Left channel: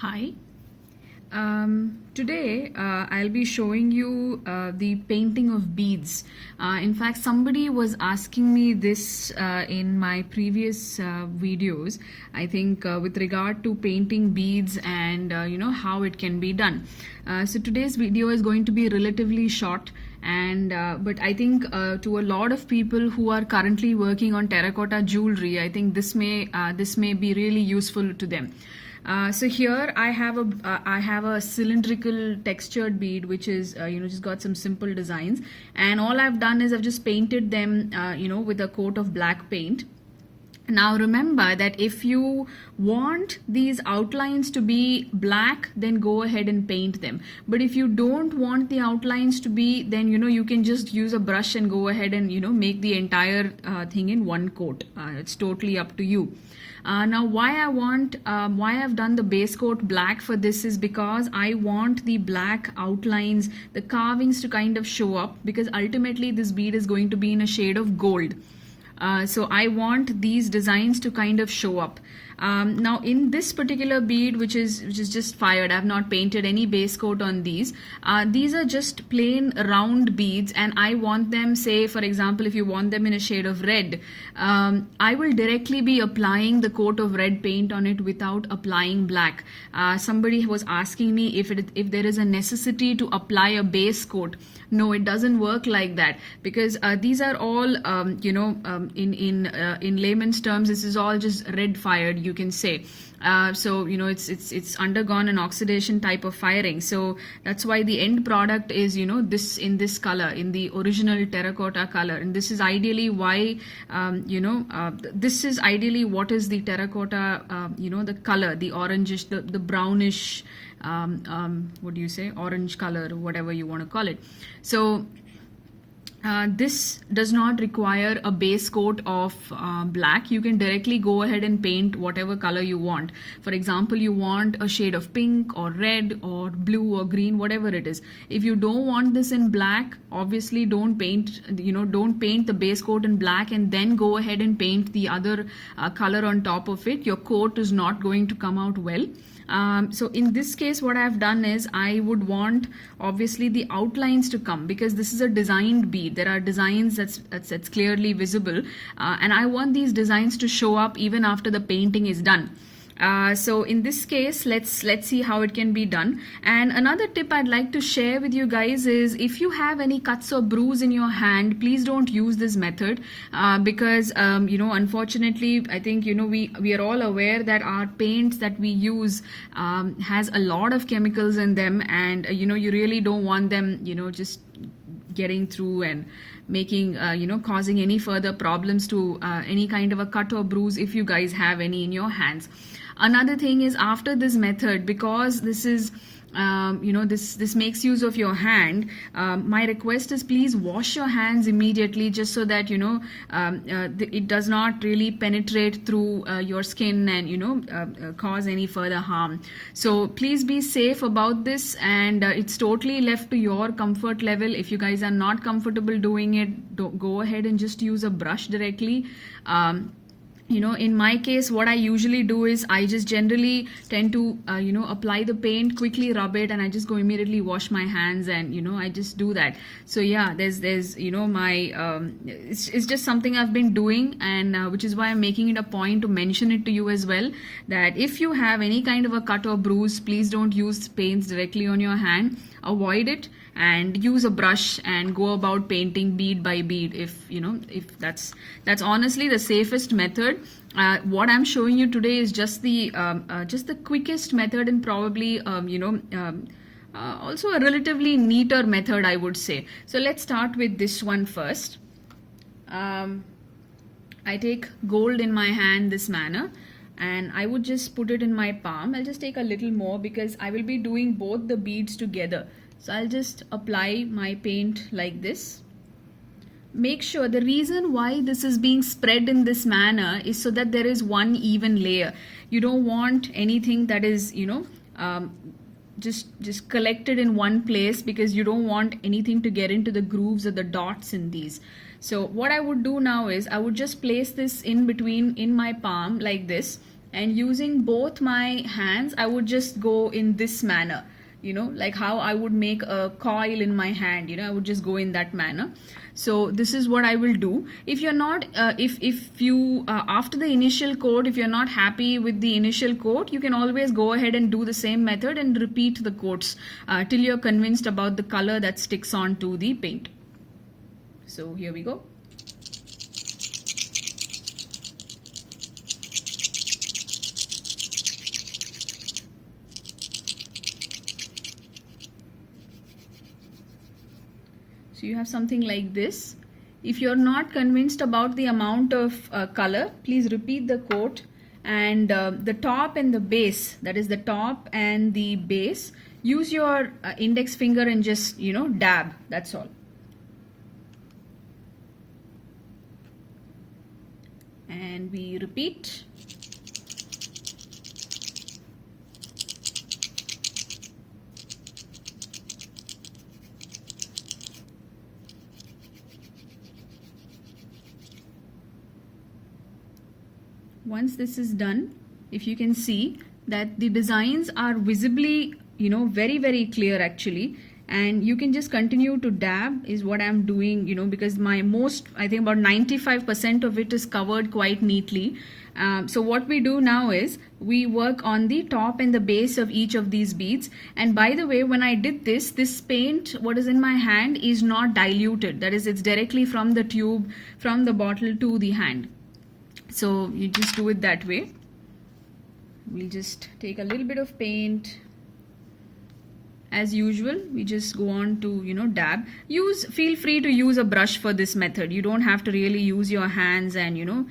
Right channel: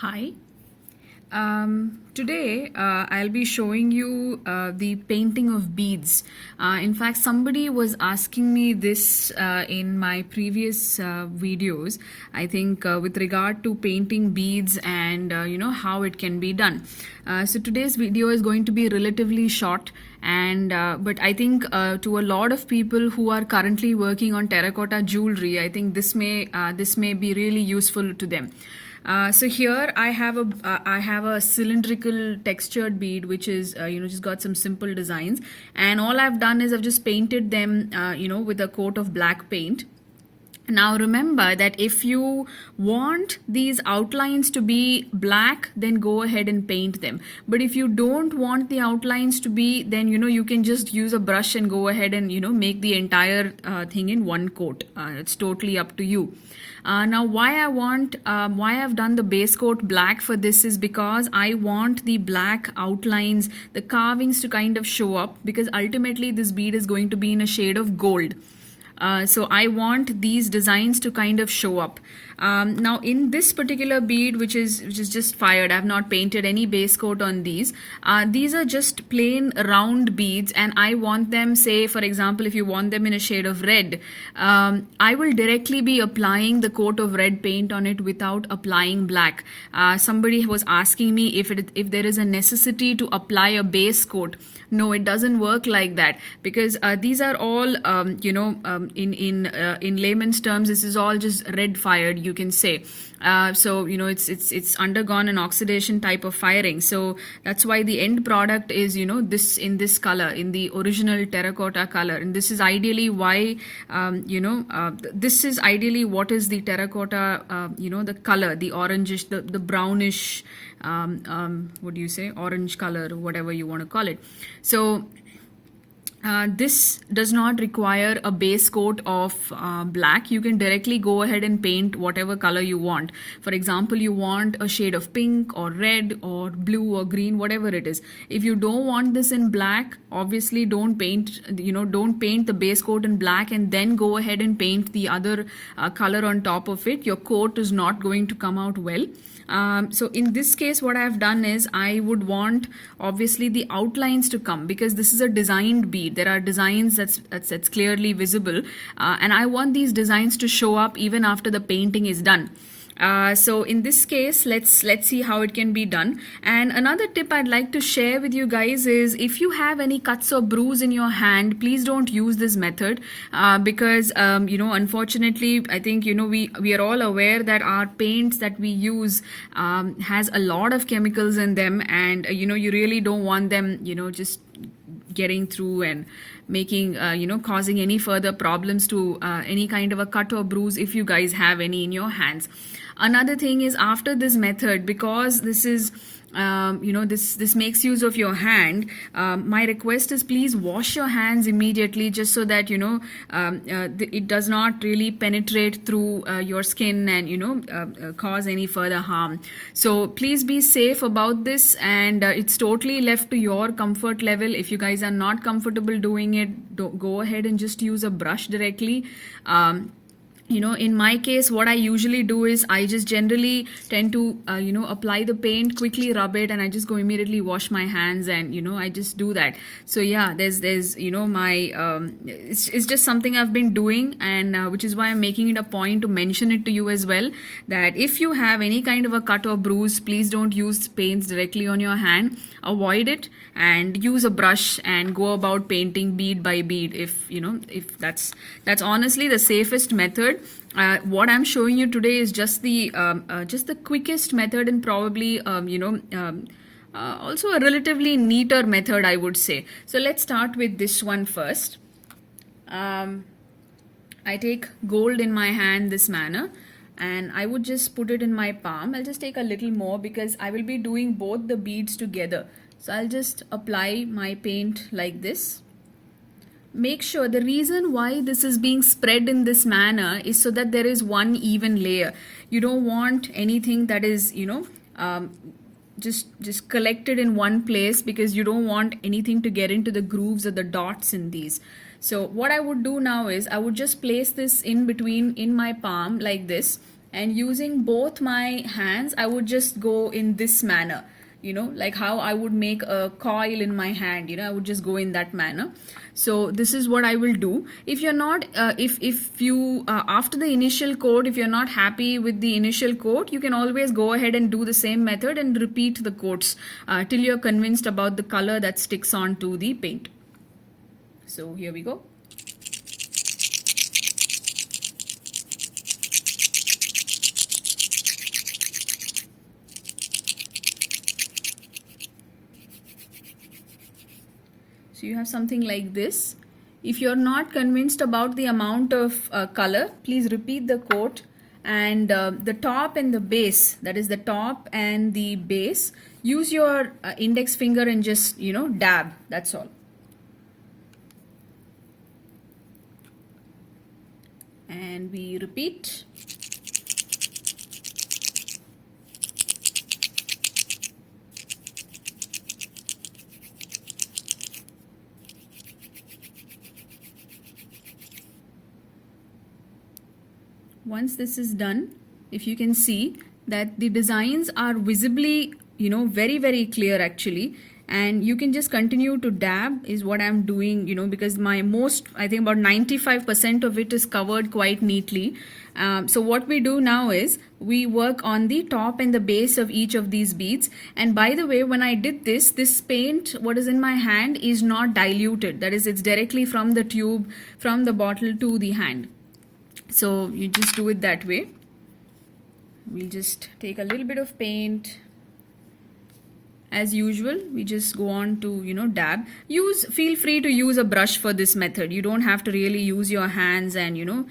Hi. Today I'll be showing you the painting of beads. In fact, somebody was asking me this in my previous videos, I think with regard to painting beads and how it can be done. So today's video is going to be relatively short, and but I think to a lot of people who are currently working on terracotta jewelry, I think this may be really useful to them. So here I have a cylindrical textured bead which is just got some simple designs, and all I've done is I've just painted them with a coat of black paint. Now remember that if you want these outlines to be black, then go ahead and paint them. But if you don't want the outlines to be, then you can just use a brush and go ahead and make the entire thing in one coat. It's totally up to you. Now why I've done the base coat black for this is because I want the black outlines, the carvings to kind of show up, because ultimately this bead is going to be in a shade of gold. So I want these designs to kind of show up. Now in this particular bead, which is just fired, I have not painted any base coat on these. These are just plain round beads, and I want them, say for example, if you want them in a shade of red, I will directly be applying the coat of red paint on it without applying black. Somebody was asking me if there is a necessity to apply a base coat. No, it doesn't work like that, because these are all, in layman's terms, this is all just red fired, you can say. So it's undergone an oxidation type of firing. So that's why the end product is this in this color, in the original terracotta color. And this is ideally why this is ideally what is the terracotta, the color, the orangish, the brownish. What do you say, orange color, whatever you want to call it. So this does not require a base coat of black. You can directly go ahead and paint whatever color you want. For example, you want a shade of pink or red or blue or green, whatever it is. If you don't want this in black, obviously don't paint the base coat in black and then go ahead and paint the other color on top of it. Your coat is not going to come out well. So in this case, what I've done is I would want obviously the outlines to come, because this is a designed bead. There are designs that's clearly visible, and I want these designs to show up even after the painting is done. So in this case, let's see how it can be done. And another tip I'd like to share with you guys is, if you have any cuts or bruise in your hand, please don't use this method, because unfortunately, I think we are all aware that our paints that we use has a lot of chemicals in them, and you really don't want them just getting through and making causing any further problems to any kind of a cut or bruise if you guys have any in your hands. Another thing is, after this method, because this is this makes use of your hand, my request is please wash your hands immediately, just so that it does not really penetrate through your skin and cause any further harm. So please be safe about this, and it's totally left to your comfort level. If you guys are not comfortable doing it, go ahead and just use a brush directly. In my case, what I usually do is I just generally tend to, apply the paint, quickly rub it, and I just go immediately wash my hands, and, I just do that. So yeah, there's my, it's just something I've been doing, and which is why I'm making it a point to mention it to you as well, that if you have any kind of a cut or bruise, please don't use paints directly on your hand. Avoid it and use a brush and go about painting bead by bead, if that's honestly the safest method. What I'm showing you today is just the quickest method, and probably also a relatively neater method, I would say. So let's start with this one first. I take gold in my hand this manner, and I would just put it in my palm. I'll just take a little more because I will be doing both the beads together. So I'll just apply my paint like this. Make sure, the reason why this is being spread in this manner is so that there is one even layer. You don't want anything that is just collected in one place, because you don't want anything to get into the grooves or the dots in these. So what I would do now is I would just place this in between in my palm like this, And using both my hands, I would just go in this manner, you know, like how I would make a coil in my hand, you know, I would just go in that manner. So this is what I will do. If you're not, if you, after the initial coat, if you're not happy with the initial coat, you can always go ahead and do the same method and repeat the coats till you're convinced about the color that sticks on to the paint. So here we go. So you have something like this. If you're not convinced about the amount of color, please repeat the coat, and the top and the base, that is the top and the base, use your index finger and just, you know, dab, that's all. And we repeat. Once this is done, if you can see that the designs are visibly, you know, very, very clear actually, and you can just continue to dab is what I'm doing, you know, because my most, I think about 95% of it is covered quite neatly. So what we do now is we work on the top and the base of each of these beads. And by the way, when I did this paint, what is in my hand is not diluted. That is, it's directly from the tube, from the bottle to the hand. So you just do it that way. We'll just take a little bit of paint. As usual, we just go on to, you know, dab. Feel free to use a brush for this method. You don't have to really use your hands and, you know,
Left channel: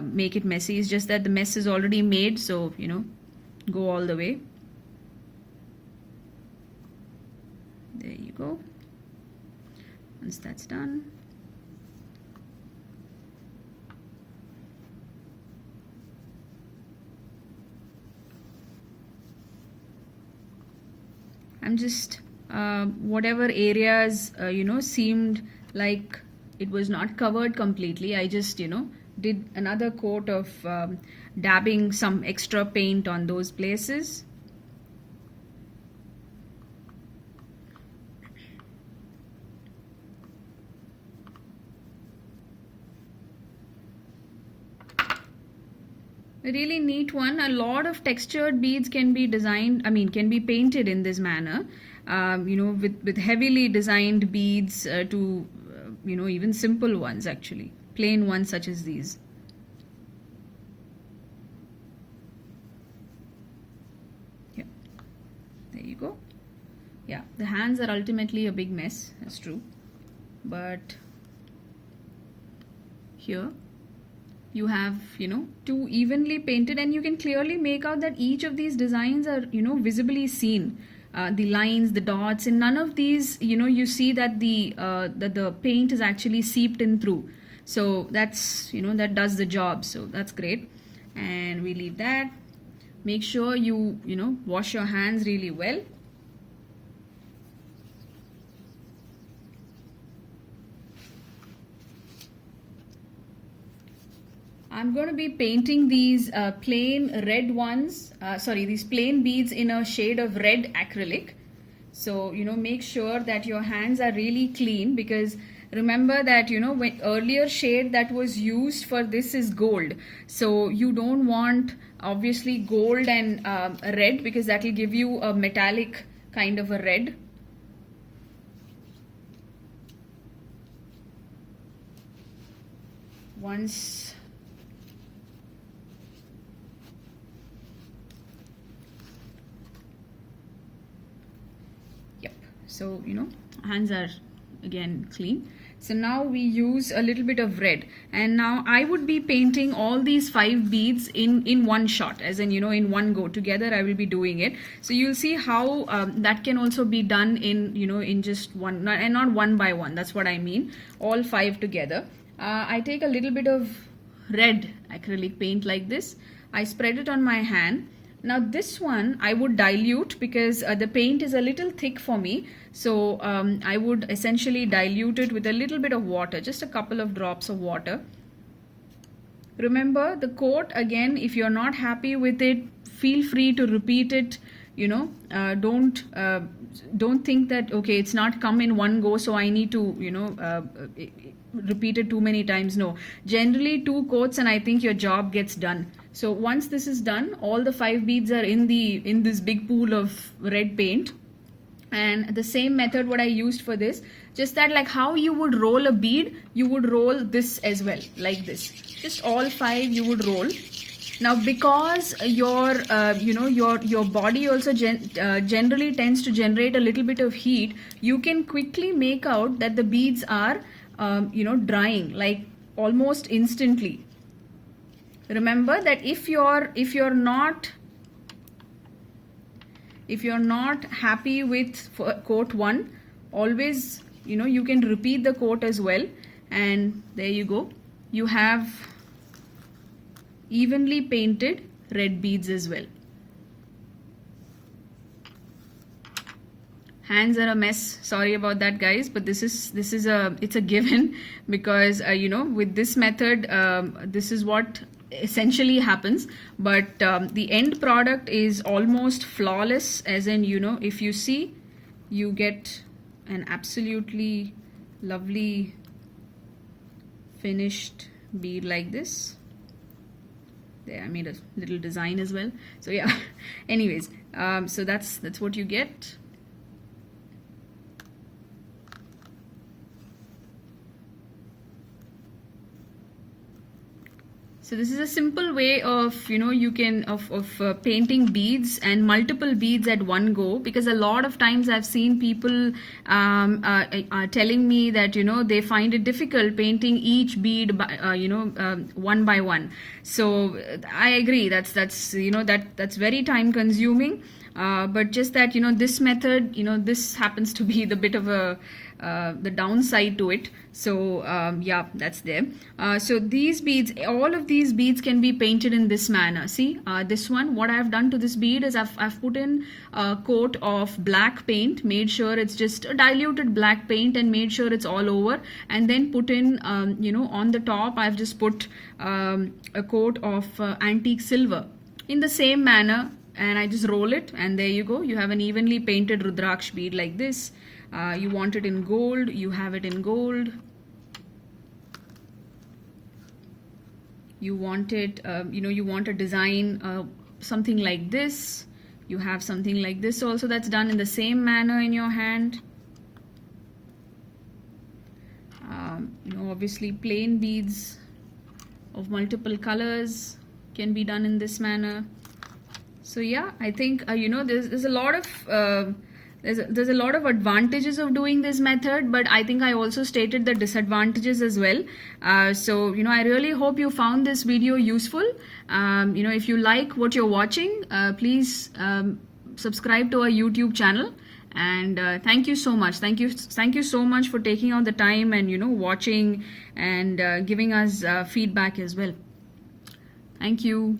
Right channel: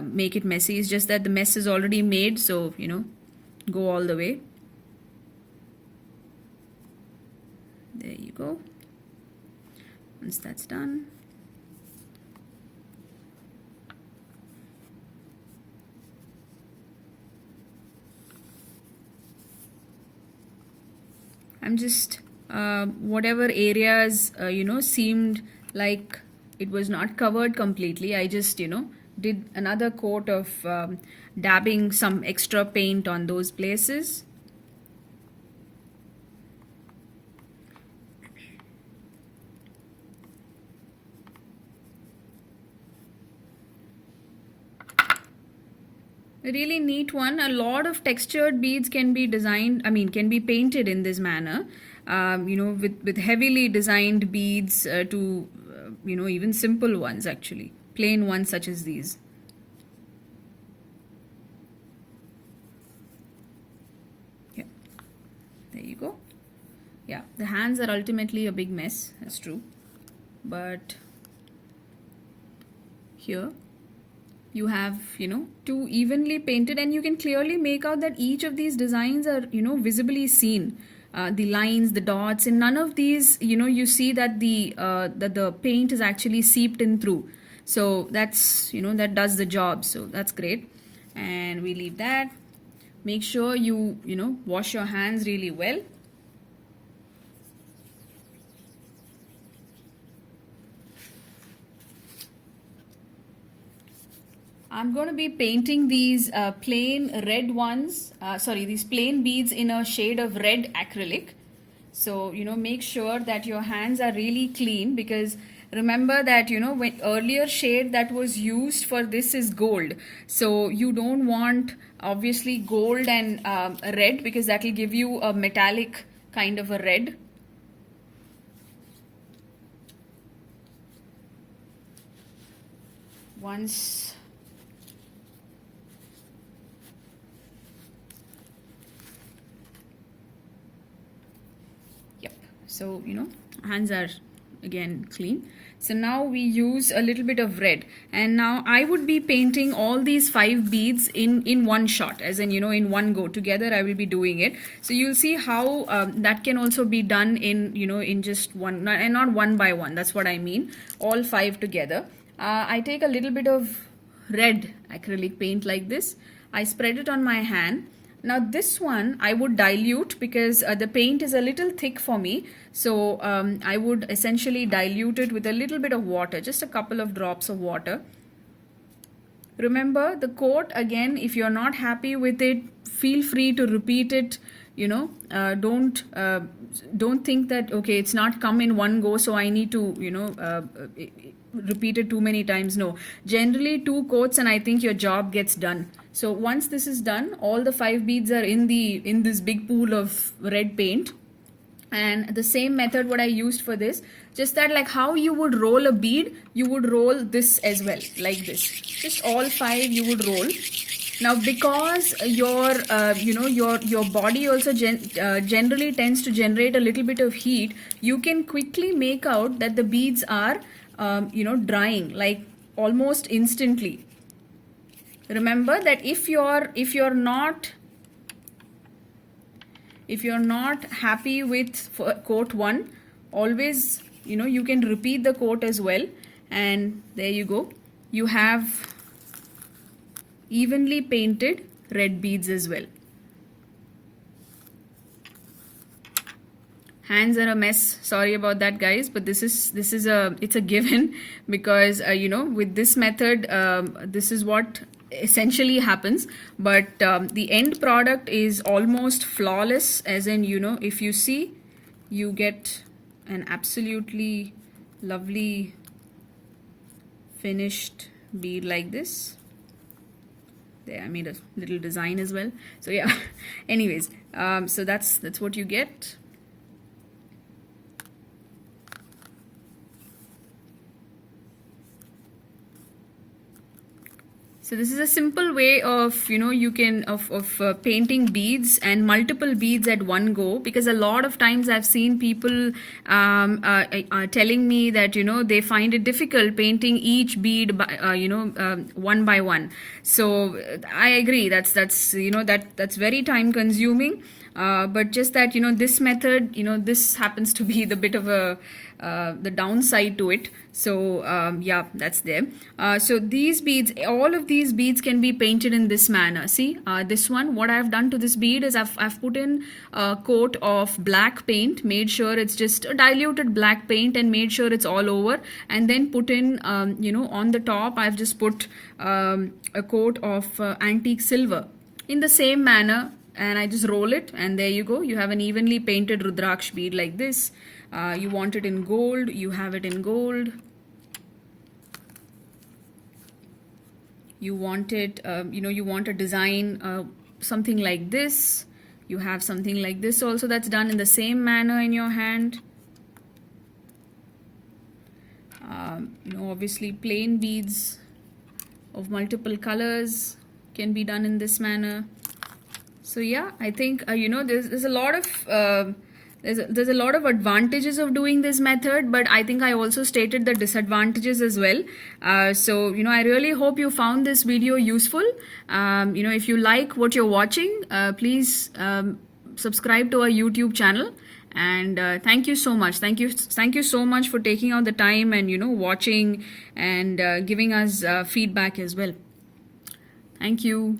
make it messy. It's just that the mess is already made, so, you know, go all the way. There you go. Once that's done, I'm just whatever areas you know, seemed like it was not covered completely, I just, you know, did another coat of dabbing some extra paint on those places. A really neat one. A lot of textured beads can be designed, can be painted in this manner, you know, with heavily designed beads to, you know, even simple ones actually, plain ones such as these. Yeah, there you go. Yeah, the hands are ultimately a big mess, that's true, but here you have, you know, two evenly painted, and you can clearly make out that each of these designs are, you know, visibly seen. The lines, the dots, and none of these, you know, you see that the paint is actually seeped in through. So that's, you know, that does the job. So that's great. And we leave that. Make sure you know, wash your hands really well. I'm going to be painting these plain red ones, these plain beads in a shade of red acrylic. So, you know, make sure that your hands are really clean, because remember that, you know, when earlier shade that was used for this is gold. So you don't want obviously gold and red, because that will give you a metallic kind of a red. Once so, you know, hands are again clean. So now we use a little bit of red, and now I would be painting all these 5 beads in one shot, as in, you know, in one go. Together I will be doing it. So you'll see how that can also be done in, you know, in just one, and not one by one. That's what I mean. All 5 together. I take a little bit of red acrylic paint like this. I spread it on my hand. Now this one I would dilute, because the paint is a little thick for me. So I would essentially dilute it with a little bit of water, just a couple of drops of water. Remember the coat again, if you're not happy with it, feel free to repeat it. Don't think that okay, it's not come in one go, so I need to repeat it too many times. No, generally 2 coats and I think your job gets done. So once this is done, all the 5 beads are in this big pool of red paint. And the same method what I used for this, just that like how you would roll a bead, you would roll this as well, like this. Just all 5 you would roll. Now because your body also generally tends to generate a little bit of heat, you can quickly make out that the beads are drying like almost instantly. Remember that if you're not happy with coat 1, always you can repeat the coat as well, and there you go, you have evenly painted red beads as well. Hands are a mess, sorry about that guys, but it's a given because with this method this is what essentially happens. But the end product is almost flawless, as in if you see, you get an absolutely lovely finished bead like this. There, I made a little design as well, so yeah. Anyways, so that's what you get. So this is a simple way of you can painting beads and multiple beads at one go, because a lot of times I've seen people telling me that they find it difficult painting each bead by, one by one. So I agree, that's very time consuming, but just that this method, this happens to be the bit of the downside to it. So yeah, that's there. So these beads, all of these beads can be painted in this manner. See, this one, what I've done to this bead is I've put in a coat of black paint, made sure it's just a diluted black paint and made sure it's all over, and then put in on the top I've just put a coat of antique silver in the same manner, and I just roll it, and there you go, you have an evenly painted Rudraksh bead like this. You want it in gold, you have it in gold. You want it, you want a design something like this. You have something like this also that's done in the same manner in your hand. Obviously plain beads of multiple colors can be done in this manner. So yeah, I think there's a lot of there's a lot of advantages of doing this method, but I think I also stated the disadvantages as well. So I really hope you found this video useful. If you like what you're watching, please subscribe to our YouTube channel, and thank you so much. Thank you so much for taking out the time and watching and giving us feedback as well. Thank you.